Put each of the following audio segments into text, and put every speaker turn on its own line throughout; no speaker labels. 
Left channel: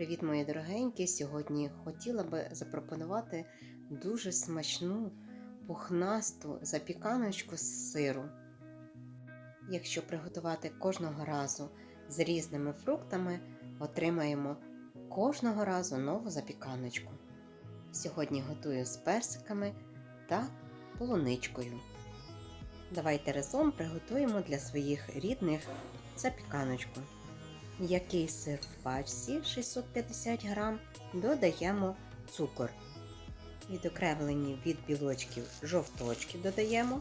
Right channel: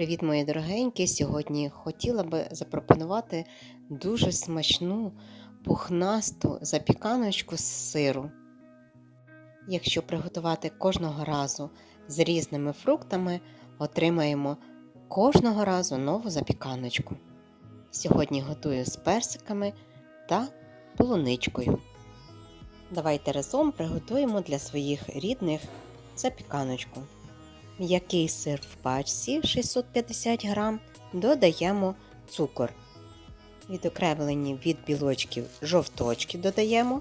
Привіт, мої дорогенькі! Сьогодні хотіла би запропонувати дуже смачну пухнасту запіканочку з сиру. Якщо приготувати кожного разу з різними фруктами, отримаємо кожного разу нову запіканочку. Сьогодні готую з персиками та полуничкою. Давайте разом приготуємо для своїх рідних запіканочку. М'який сир в пачці 650 г додаємо цукор. Відокремлені від білочків жовточки додаємо.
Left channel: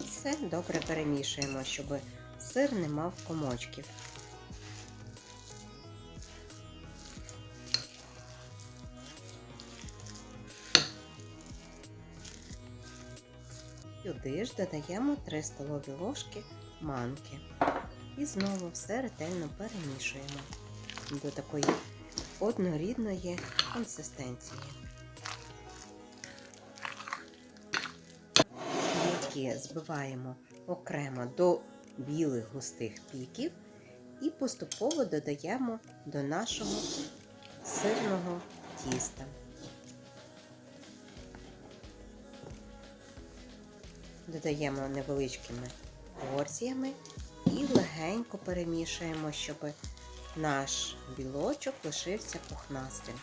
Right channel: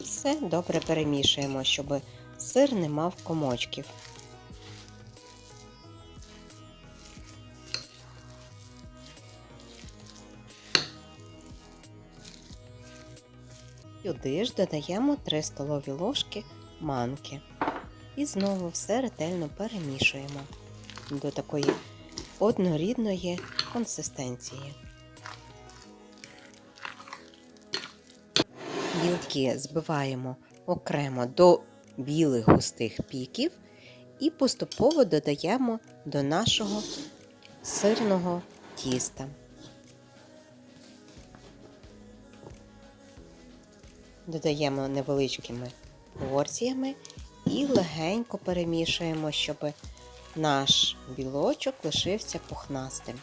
Все добре перемішуємо, щоб сир не мав комочків. Сюди ж додаємо 3 столові ложки манки. І знову все ретельно перемішуємо до такої однорідної консистенції. Білки збиваємо окремо до білих густих піків і поступово додаємо до нашого сирного тіста. Додаємо невеличкими порціями і легенько перемішуємо, щоб наш білочок лишився пухнастим.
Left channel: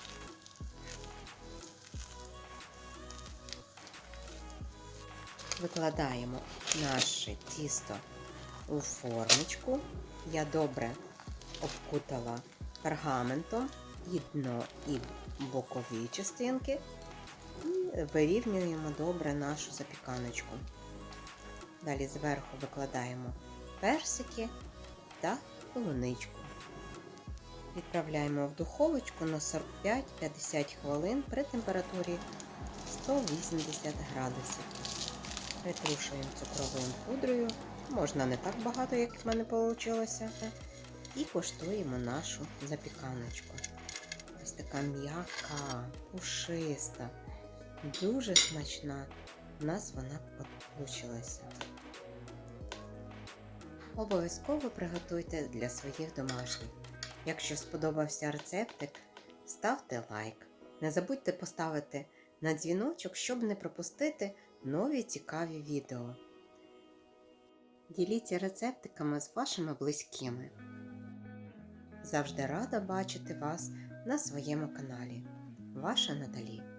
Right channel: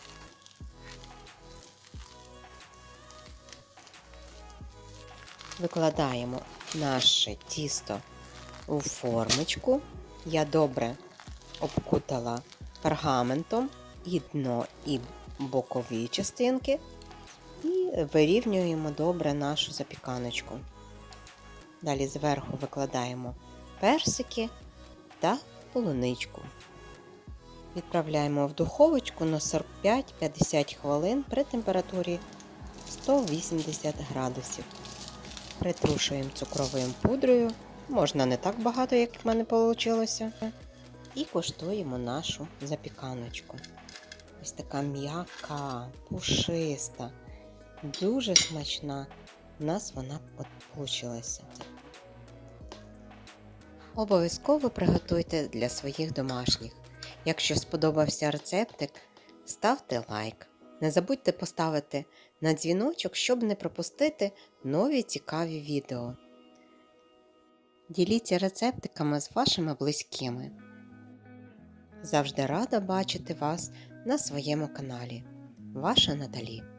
Викладаємо наше тісто у формочку. Я добре обкутала пергаментом і дно, і бокові частинки, і вирівнюємо добре нашу запіканочку. Далі зверху викладаємо персики та полуничку. Відправляємо в духовочку на 45-50 хвилин при температурі 180 градусів. Притрушуємо цукровою пудрою, можна не так багато, як в мене вийшло. І коштуємо нашу запіканочку. Ось така м'яка, пушиста, дуже смачна. У нас вона вийшла. Обов'язково приготуйте для своїх домашніх. Якщо сподобався рецептик, ставте лайк. Не забудьте поставити на дзвіночок, щоб не пропустити нові цікаві відео. Діліться рецептиками з вашими близькими. Завжди рада бачити вас на своєму каналі. Ваша Наталі.